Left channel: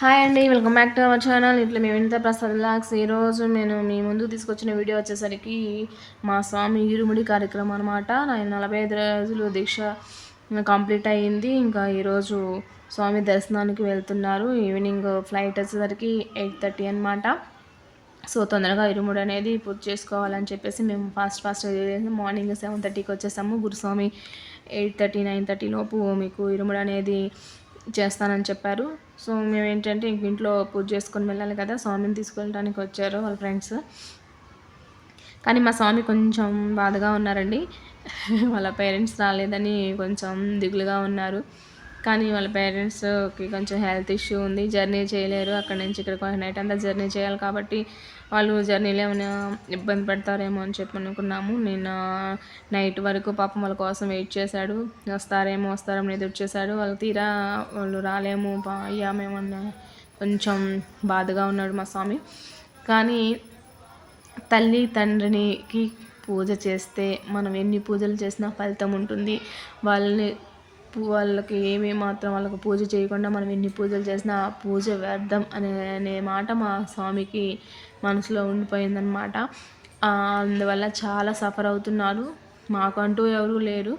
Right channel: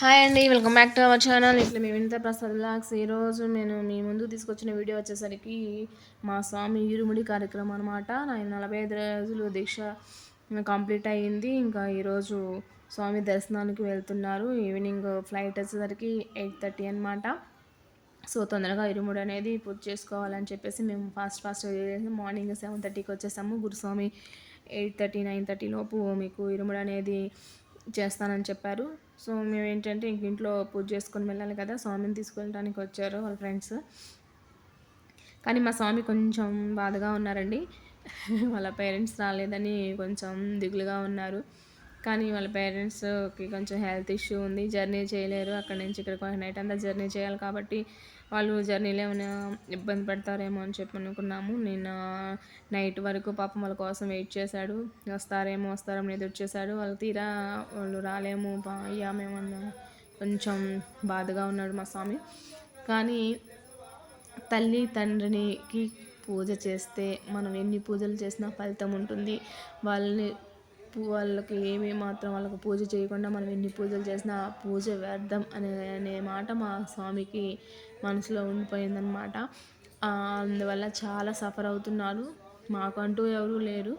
Hi అండి, welcome back to our channel. ఇట్లా మేము వినిత ప్రసాద్ బ్లాగ్స్. ఈరోజు నేను మీ ముందుకు తీసుకొచ్చిన వీడియో వచ్చేసరికి మా స్వామి ఇరుముడి కార్యక్రమం అనమాట. నేను 45 రోజులు దీక్ష కంప్లీట్ అయ్యింది. ఇంకా ఈరోజు స్వామి దర్శనానికి వెళ్తున్నారు. ఈవినింగ్ ఫ్లైట్ వచ్చేసరికి 8:30 అనమాట. సో తొందరగా ఇరుముడి అనేది పూర్తి చేసుకోవాలని చెప్పేసి మేము ఫాస్ట్ మార్నింగ్ 7:30కి వచ్చేసాము. గురుస్వామి 8:30 9:30 లోపు మీకు ఇరుముడి అనేది చేస్తానని చెప్పారు. సో మేము ఏంటంటే ఇంట్లో పూజ చేసుకొని వెళ్ళాలి కదా, స్వామిని తీసుకెళ్ళడానికి వచ్చారు వాళ్ళ ఫ్రెండ్స్. కానీ మా స్వామి కొంచెం బాధగా ఉన్నారండి. వాళ్ళ పేరెంట్స్ రాలేదని కొంచెం దిగులుగా ఉన్నారు. కానీ వాళ్ళ పేరెంట్స్కి కొంచెం హెల్త్ ఇష్యూ ఉంది, జర్నీ చేయలేరు. అక్కడి నుంచి ఇక్కడికి నైట్ అంతా జర్నీ చేయాలి కాబట్టి వాళ్ళు జర్నీలో ఏమైనా ఇబ్బంది పడతారేమో అని చెప్పి అనుకున్నాము. నేను నైట్ వరకు పాపం వాళ్ళ కోసం వెయిట్ చేశాడు. వస్తారేమో ఎదురు చేశాడు. వాళ్ళు తీరా వాళ్ళు రాలేము అయ్యామేమన్నా కొంచెం బాధగా ఉన్నాడు మా స్వామి. కానీ తల్లి తండ్రికి పూజ చేస్తే మనం ఎన్ని పూజలు చేసినా ఫలితం ఉంటుంది. వాళ్ళకి మాత్రం వాళ్ళకి పూజ చేయకుండా మనం ఎన్ని పూజలు చేసినా ఆ పూజ వ్యర్థం అనే మాట మా స్వామికి మనసులో ఉండిపోయిందనమాట. అందువల్ల చాలా సఫర్ అవుతున్నారు. మాకంటూ ఎవరూ లేరు.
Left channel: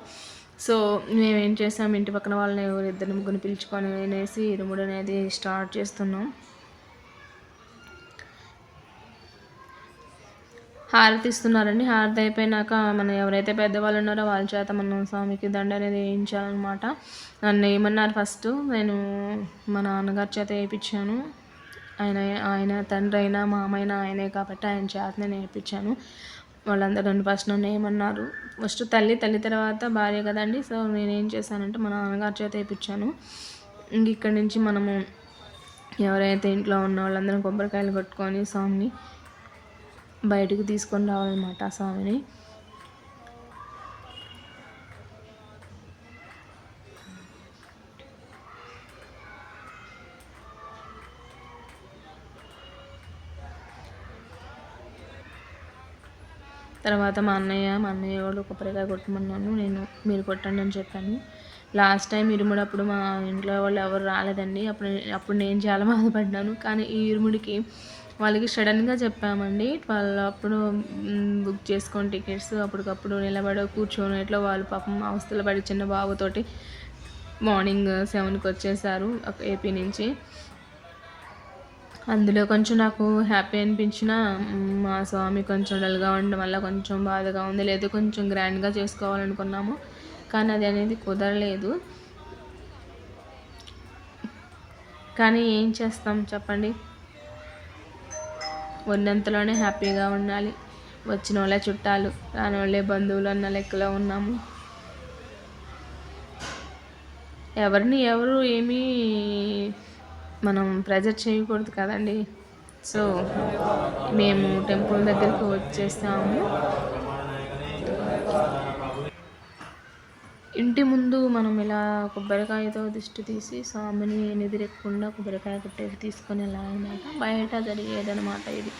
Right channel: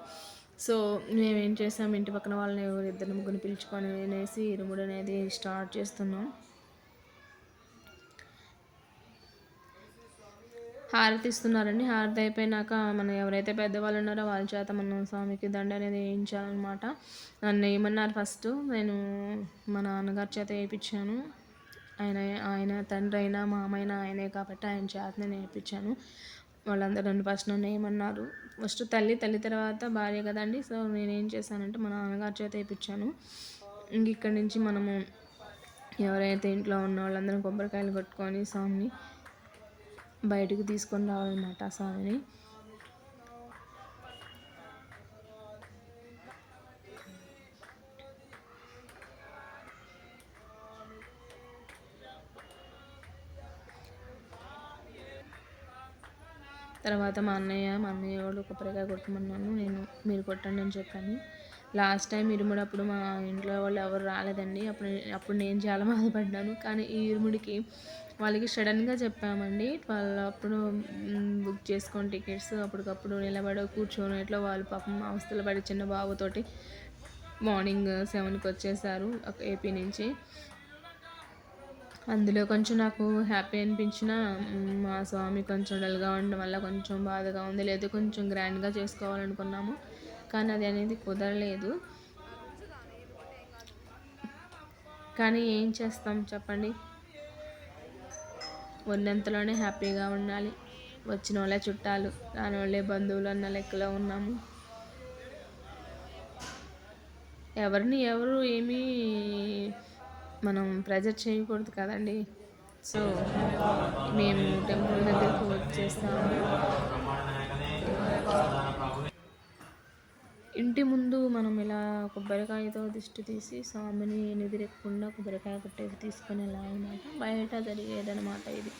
సో మేమేం చేసాం, ఇంటి పక్కన వాళ్ళని ఇద్దరు ముగ్గురు పిలుచుకొని అనేసి ఇరుముడి అనేది స్టార్ట్ చేస్తున్నాం. హారతి ఇస్తున్నారండి. హారతి అయిపోయినాక మనం ఎవరైతే పెద్దవాళ్ళు ఉన్నారో వాళ్ళ చేత మనం స్వామికి దండ అనేది వేయించాలన్నమాట. నన్ను ఏమన్నారు, ఫస్ట్ నేను మా నాన్నగారి చేత వేయించాను. ఆయన తండ్రి అయినా మామైనా ఆయనే కాబట్టి ఆయన చేత నేను వేయించాను. వాళ్ళందరూ నన్ను ఏమన్నారు, ఫస్ట్ తల్లి తర్వాత భార్య కదండి. సో నేనేం చేశానంటే మా నాన్నగారి చేత వేయించాను. ఇంక ఇక్కడి నుంచి మనము ఎవరైతే ఇంట్లో ఉన్న వాళ్ళందరం కొబ్బరికాయలు కొట్టుకొని స్వామిని బయటికి తీసుకొని రావాలన్నమాట. ఆ స్వామిని తర్వాత మా అన్నయ్య వాళ్ళు కొబ్బరికాయ కొట్టమన్నాను. మీరు కొట్టండి అని చెప్పాను. లాస్ట్ టైం ఇరుముడప్పుడు మా ఇంట్లో వాళ్ళు ఎవరు రాలేదండి. అప్పుడు నేను చాలా బాధపడ్డాను. కానీ ఈ ఇరుముడికి వాళ్ళకి సడన్గా చెప్పామండి. వాళ్ళు అప్పుడు బుక్ చేసుకొని టికెట్స్ అప్పటికప్పుడు నిలబడి కూర్చొని ఇట్లా వాళ్ళు పాపం అవస్థలు పడి చిన్న బాబుతోటి మార్నింగ్ 7కి వచ్చేసారు ఏపీ నుంచి. అందులో కొంచెం నాకు హ్యాపీ అనిపించిన మా స్వామి కొంచెం డల్గా ఉండడం వల్ల కొంచెం బాధగా ఉంది. లేదు కొంచెం గ్రాండ్గా చేసుకోవాలనుకున్నాము, కానీ అది అనేది కుదరలేదు. కానీ ఏం చేస్తాం చెప్పండి, ఉన్నంతలోనే హ్యాపీగా ఉండాలి. వచ్చిన వాళ్ళే చుట్టాలు, రాని వాళ్ళే బంధువులు అన్న లెక్కలో ఉన్నాము. ఎవరు ఏమీ మనం ప్రెజర్ చేయకూడదు కదండి. సో మేము టెంపుల్ దగ్గరికి వచ్చేసాము. ఇంటి ముందు మనం ఇలా కొబ్బరికాయతో దిష్టి తీసి స్వామిని ఎదురెక్కకుండా కొబ్బరికాయ కొట్టేసి తీసుకొని వెళ్ళాలన్నమాట. బయట జరిగేదనమాట ఇది.